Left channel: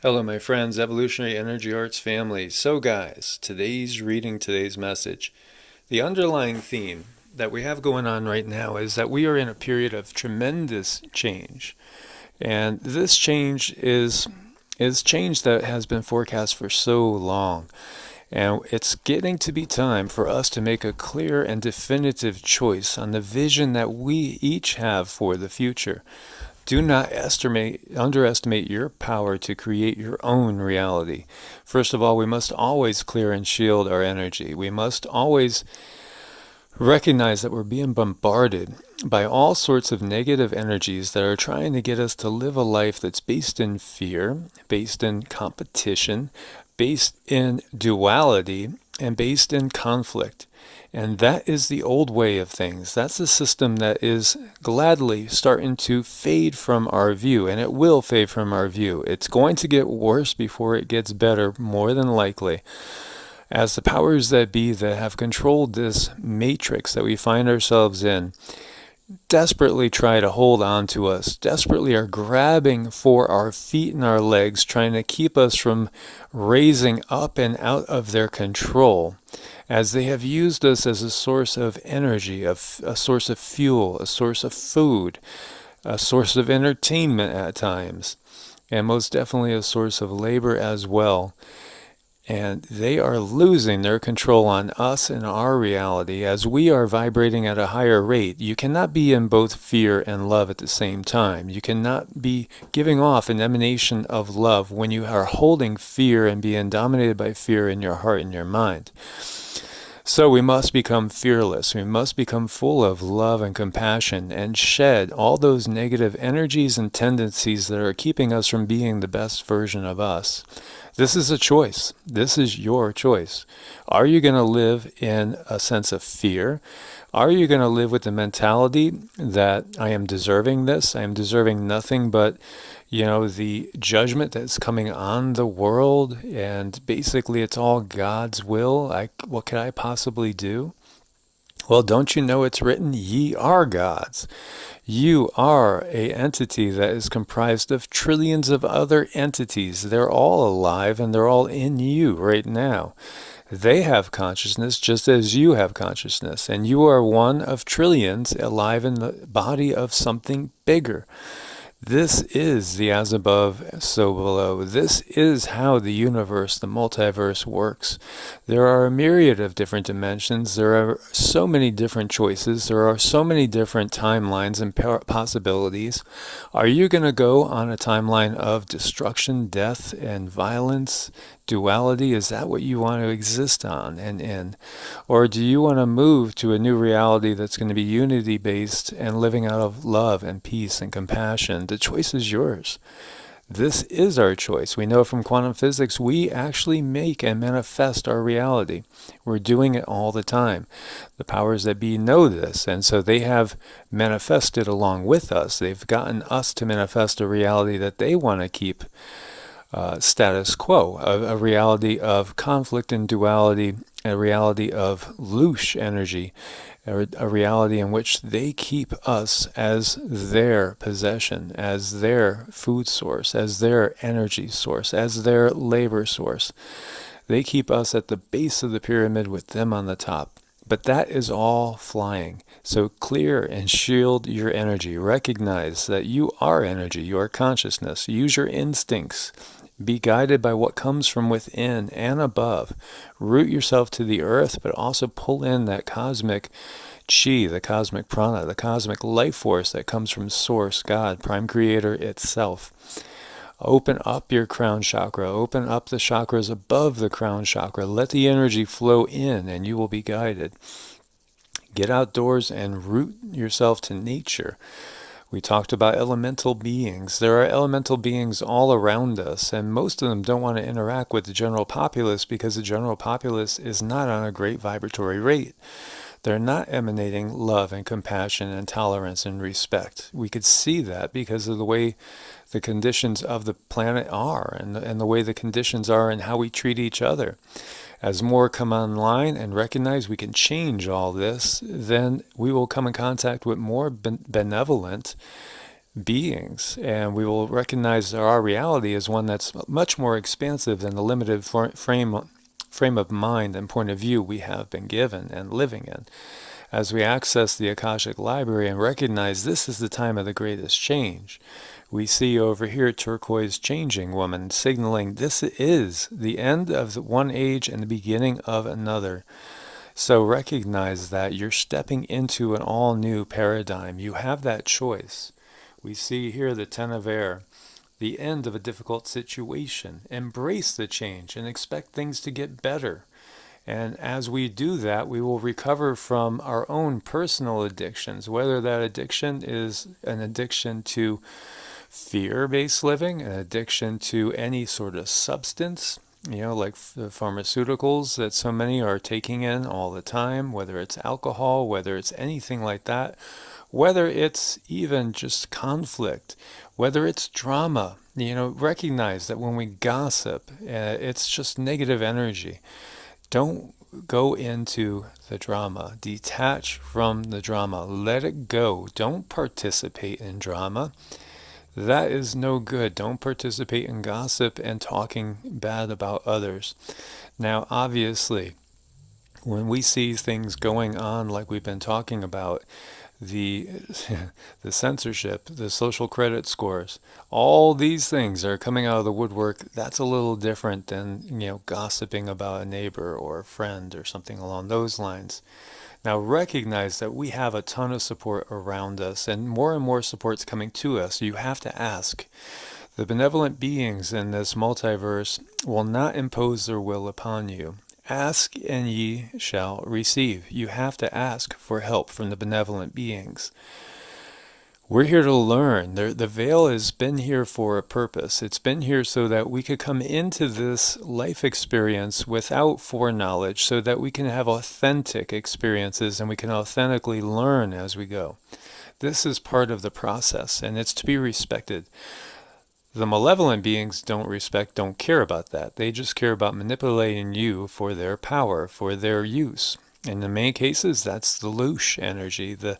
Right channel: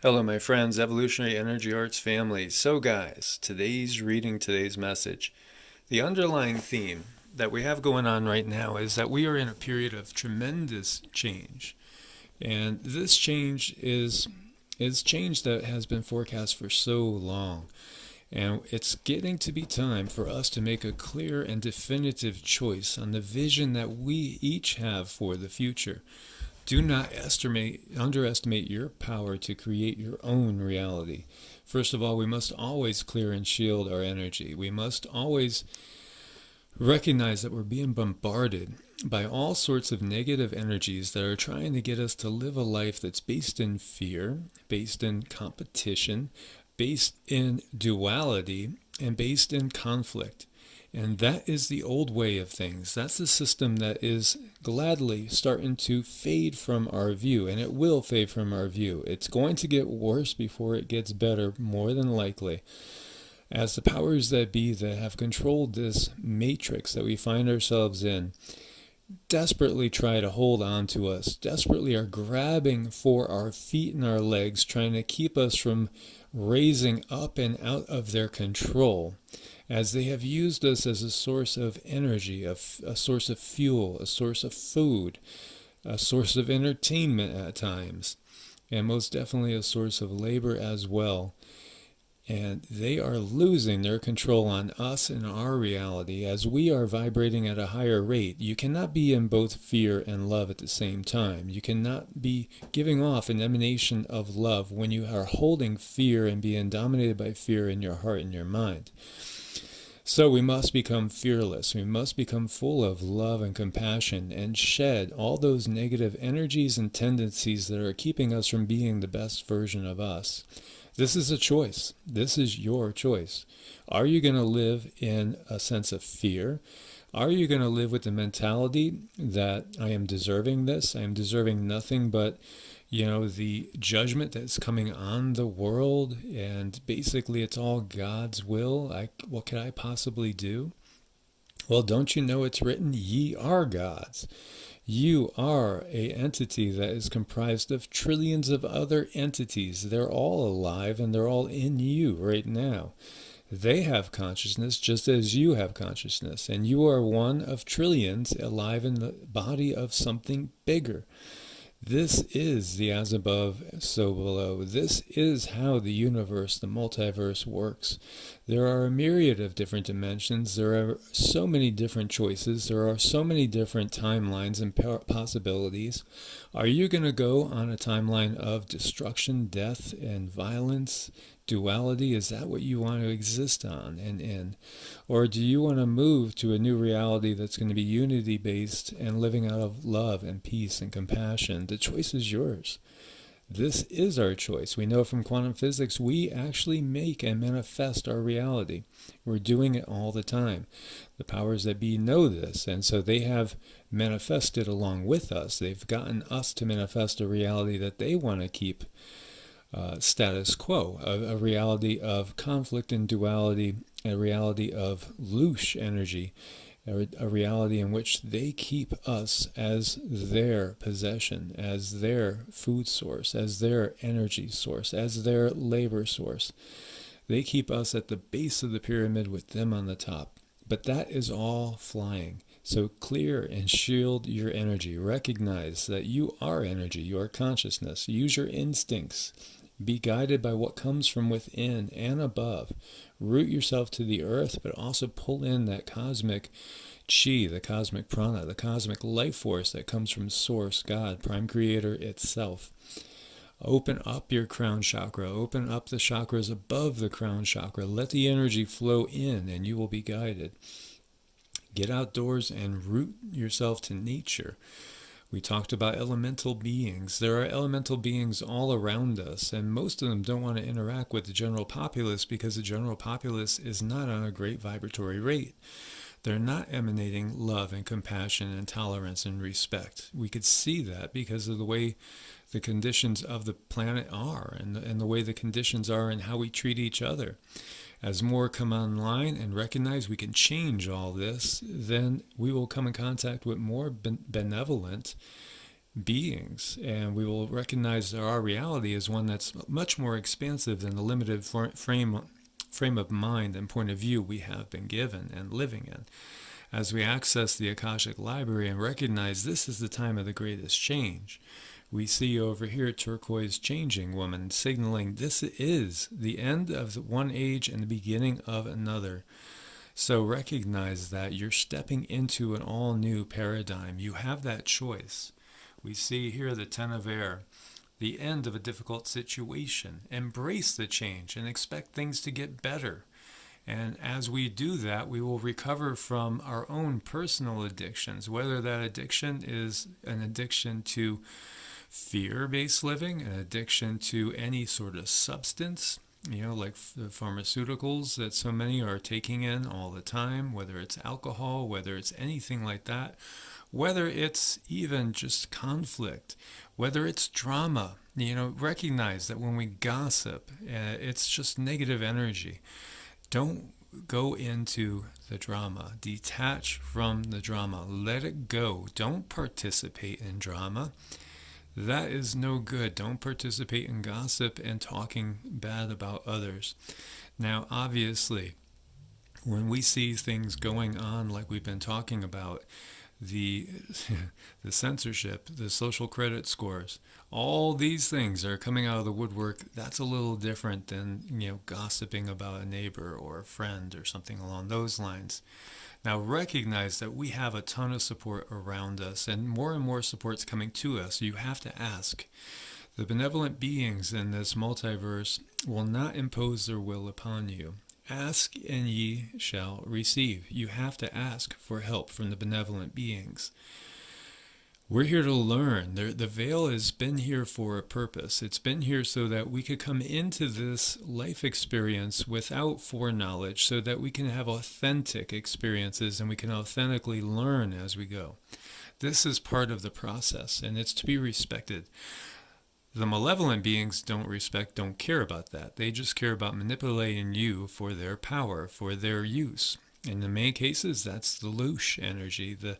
Hello, my friends, Evolutionary Energy Arts family. So, guys, today's reading, today's message, the underlying theme that we have going on right now is that we are in a period of tremendous change. And this change is change that has been forecast for so long. And it's getting to be time for us to make a clear and definitive choice on the vision that we each have for the future. Do not underestimate your power to create your own reality. First of all, we must always clear and shield our energy. We must always recognize that we're being bombarded by all sorts of negative energies that are trying to get us to live a life that's based in fear, based in competition, based in duality, and based in conflict. And that is the old way of things. That's the system that is gladly starting to fade from our view, and it will fade from our view. It's going to get worse before it gets better, more than likely, as the powers that be that have controlled this matrix that we find ourselves in desperately try to hold on to us, desperately are grabbing for our feet and our legs, trying to keep us from raising up and out of their control, as they have used us as a source of energy, a source of fuel, a source of food, a source of entertainment at times, and most definitely a source of labor as well. And they are losing their control on us and our reality as we are vibrating at a higher rate. You cannot be in both fear and love at the same time. You cannot be giving off an emanation of love when you are holding fear and being dominated by fear in your heart and your mind. So we must become fearless. We must become full of love and compassion and shed all those negative energies and tendencies that are keeping us from being the best version of us. This is a choice. This is your choice. Are you going to live in a sense of fear? Are you going to live with the mentality that I am deserving this? I am deserving nothing but, the judgment that's coming on the world, and basically it's all God's will. What could I possibly do? Well, don't you know it's written, ye are gods. You are a entity that is comprised of trillions of other entities. They're all alive and they're all in you right now. They have consciousness just as you have consciousness, and you are one of trillions alive in the body of something bigger. This is the as above, so below. This is how the universe, the multiverse, works. There are a myriad of different dimensions. There are so many different choices. There are so many different timelines and possibilities. Are you going to go on a timeline of destruction, death, and violence? Duality? Is that what you want to exist on and in? Or do you want to move to a new reality that's going to be unity based and living out of love and peace and compassion? The choice is yours. This is our choice. We know from quantum physics we actually make and manifest our reality. We're doing it all the time. The powers that be know this, and so they have manifested along with us. They've gotten us to manifest a reality that they want to keep status quo, a reality of conflict and duality, a reality of louche energy, a reality in which they keep us as their possession, as their food source, as their energy source, as their labor source. They keep us at the base of the pyramid with them on the top. But that is all flying. So clear and shield your energy. Recognize that you are energy, you are consciousness. Use your instincts. Be guided by what comes from within and above. Root yourself to the earth, but also pull in that cosmic chi, the cosmic prana, the cosmic life force that comes from Source, God, Prime Creator itself. Open up your crown chakra. Open up the chakras above the crown chakra. Let the energy flow in and you will be guided. Get outdoors and root yourself to nature. We talked about elemental beings. There are elemental beings all around us, and most of them don't want to interact with the general populace because the general populace is not on a great vibratory rate. They're not emanating love and compassion and tolerance and respect. We could see that because of the way the conditions of the planet are, and the way the conditions are and how we treat each other. As more come online and recognize we can change all this, then we will come in contact with more benevolent beings, and we will recognize that our reality is one that's much more expansive than the limited frame of mind and point of view we have been given and living in. As we access the Akashic Library and recognize this is the time of the greatest change, we see over here turquoise changing woman signaling this is the end of one age and the beginning of another. So recognize that you're stepping into an all-new paradigm. You have that choice. We see here the Ten of Air, the end of a difficult situation. Embrace the change and expect things to get better. And as we do that, we will recover from our own personal addictions, whether that addiction is an addiction to fear-based living, an addiction to any sort of substance, like the pharmaceuticals that so many are taking in all the time, whether it's alcohol, whether it's anything like that, whether it's even just conflict, whether it's drama. Recognize that when we gossip, it's just negative energy. Don't go into the drama. Detach from the drama. Let it go. Don't participate in drama. That is no good. Don't participate in gossip and talking bad about others. Now, obviously, when we see things going on like we've been talking about, the censorship, the social credit scores, all these things are coming out of the woodwork. That's a little different than, gossiping about a neighbor or a friend or something along those lines. Now recognize that we have a ton of support around us, and more support's coming to us. You have to ask. The benevolent beings in this multiverse will not impose their will upon you. Ask and ye shall receive. You have to ask for help from the benevolent beings. We're here to learn. The veil has been here for a purpose. It's been here so that we could come into this life experience without foreknowledge, so that we can have authentic experiences and we can authentically learn as we go. This is part of the process, and it's to be respected. The malevolent beings don't care about that. They just care about manipulating you for their power, for their use. And in many cases, that's the louche energy, the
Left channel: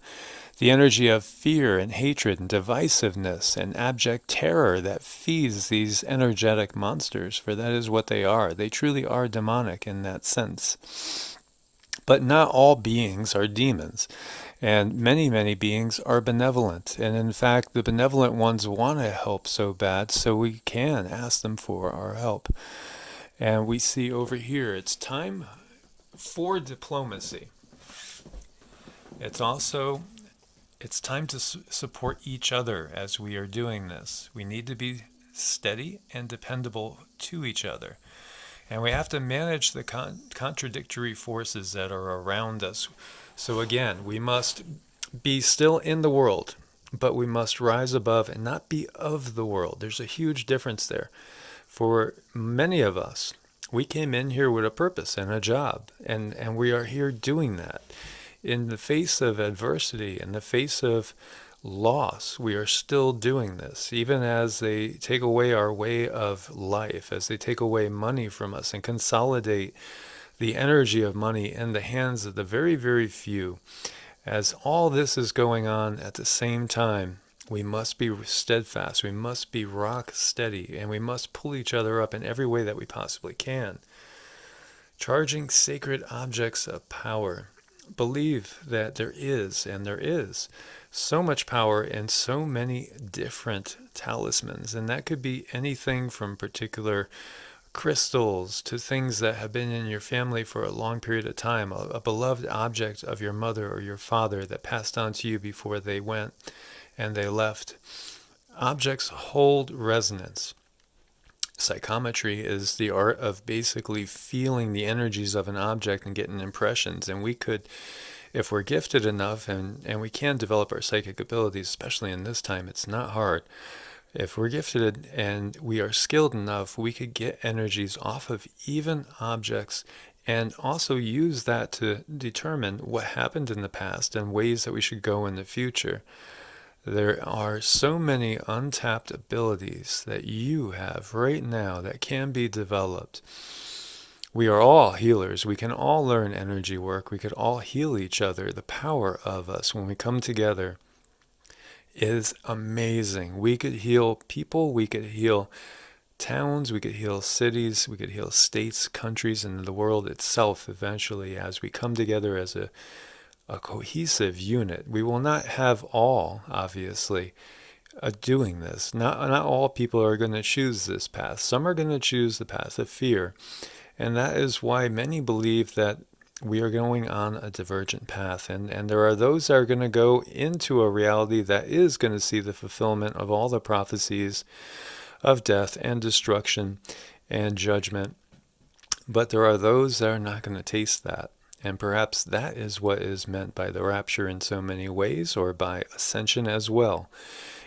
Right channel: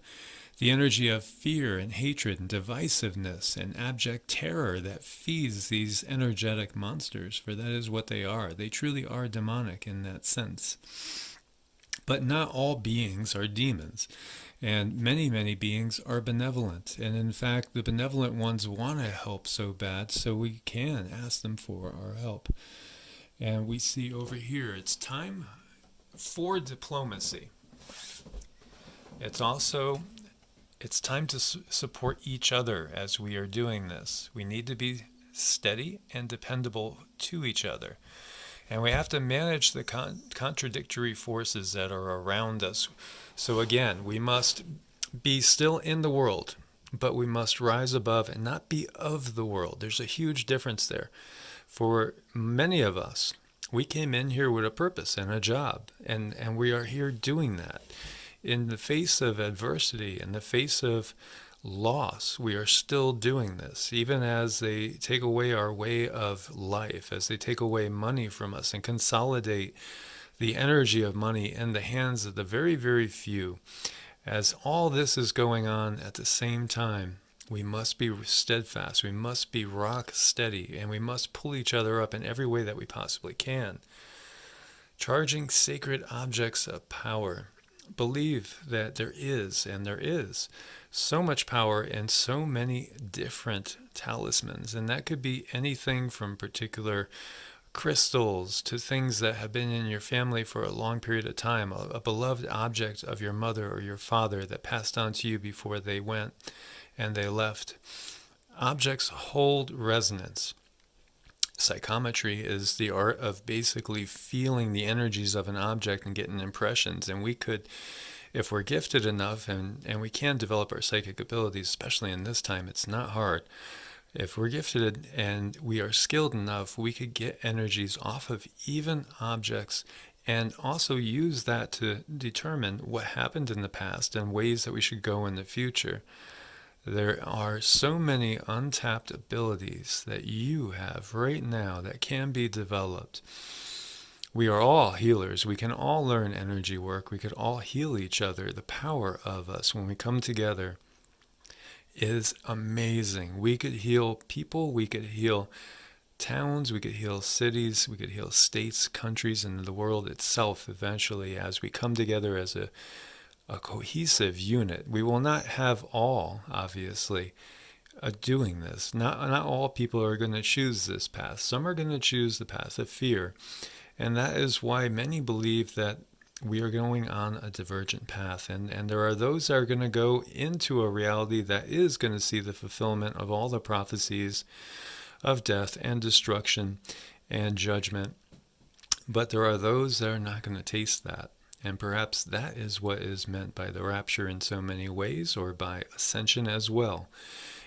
energy of fear and hatred and divisiveness and abject terror that feeds these energetic monsters, for that is what they are. They truly are demonic in that sense. But not all beings are demons. And many beings are benevolent. And in fact, the benevolent ones want to help so bad, so we can ask them for our help. And we see over here, it's time for diplomacy. It's time to support each other as we are doing this. We need to be steady and dependable to each other. And we have to manage the contradictory forces that are around us. So again, we must be still in the world, but we must rise above and not be of the world. There's a huge difference there. For many of us, we came in here with a purpose and a job, and we are here doing that. In the face of adversity, in the face of loss, we are still doing this, even as they take away our way of life, as they take away money from us and consolidate the energy of money in the hands of the very, very few. As all this is going on at the same time, we must be steadfast, we must be rock steady, and we must pull each other up in every way that we possibly can. Charging sacred objects of power. Believe that there is so much power in so many different talismans, and that could be anything from particular crystals to things that have been in your family for a long period of time, a beloved object of your mother or your father that passed on to you before they went and they left. Objects hold resonance. Psychometry is the art of basically feeling the energies of an object and getting impressions. And we could, if we're gifted enough, and we can develop our psychic abilities, especially in this time, it's not hard. If we're gifted and we are skilled enough, we could get energies off of even objects and also use that to determine what happened in the past and ways that we should go in the future. There are so many untapped abilities that you have right now that can be developed. We are all healers. We can all learn energy work. We could all heal each other. The power of us when we come together is amazing. We could heal people, we could heal towns, we could heal cities, we could heal states, countries, and the world itself eventually as we come together as a cohesive unit. We will not have all, obviously, doing this. Not all people are going to choose this path. Some are going to choose the path of fear. And that is why many believe that we are going on a divergent path. And there are those that are going to go into a reality that is going to see the fulfillment of all the prophecies of death and destruction and judgment. But there are those that are not going to taste that. And perhaps that is what is meant by the rapture in so many ways, or by ascension as well.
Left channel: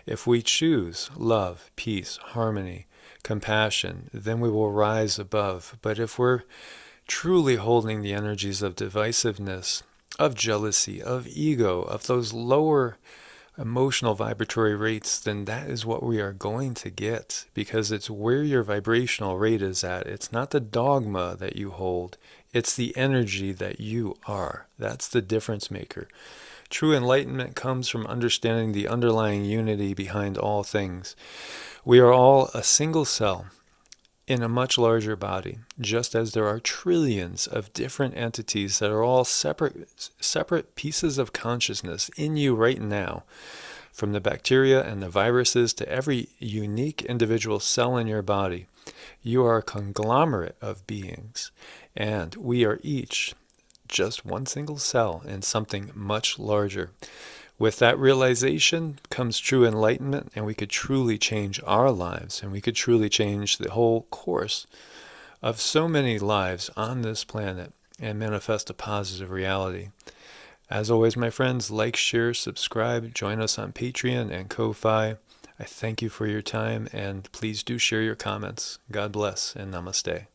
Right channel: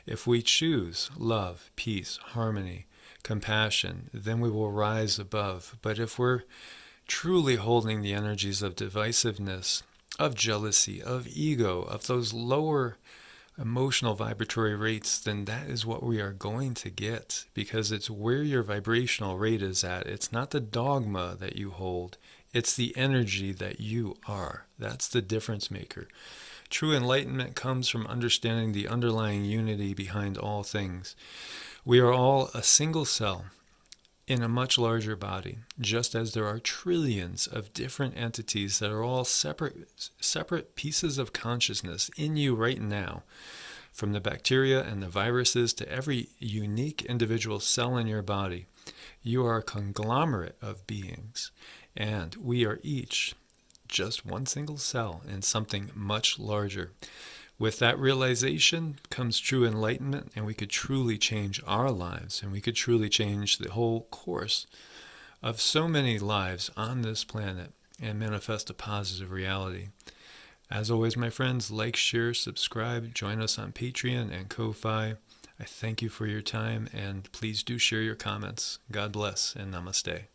If we choose love, peace, harmony, compassion, then we will rise above. But if we're truly holding the energies of divisiveness, of jealousy, of ego, of those lower emotional vibratory rates, then that is what we are going to get, because it's where your vibrational rate is at. It's not the dogma that you hold, it's the energy that you are. That's the difference maker. True enlightenment comes from understanding the underlying unity behind all things. We are all a single cell in a much larger body, just as there are trillions of different entities that are all separate pieces of consciousness in you right now. From the bacteria and the viruses to every unique individual cell in your body, you are a conglomerate of beings, and we are each just one single cell in something much larger. With that realization comes true enlightenment, and we could truly change our lives, and we could truly change the whole course of so many lives on this planet and manifest a positive reality. As always, my friends, like, share, subscribe, join us on Patreon and Ko-Fi. I thank you for your time, and please do share your comments. God bless, and namaste.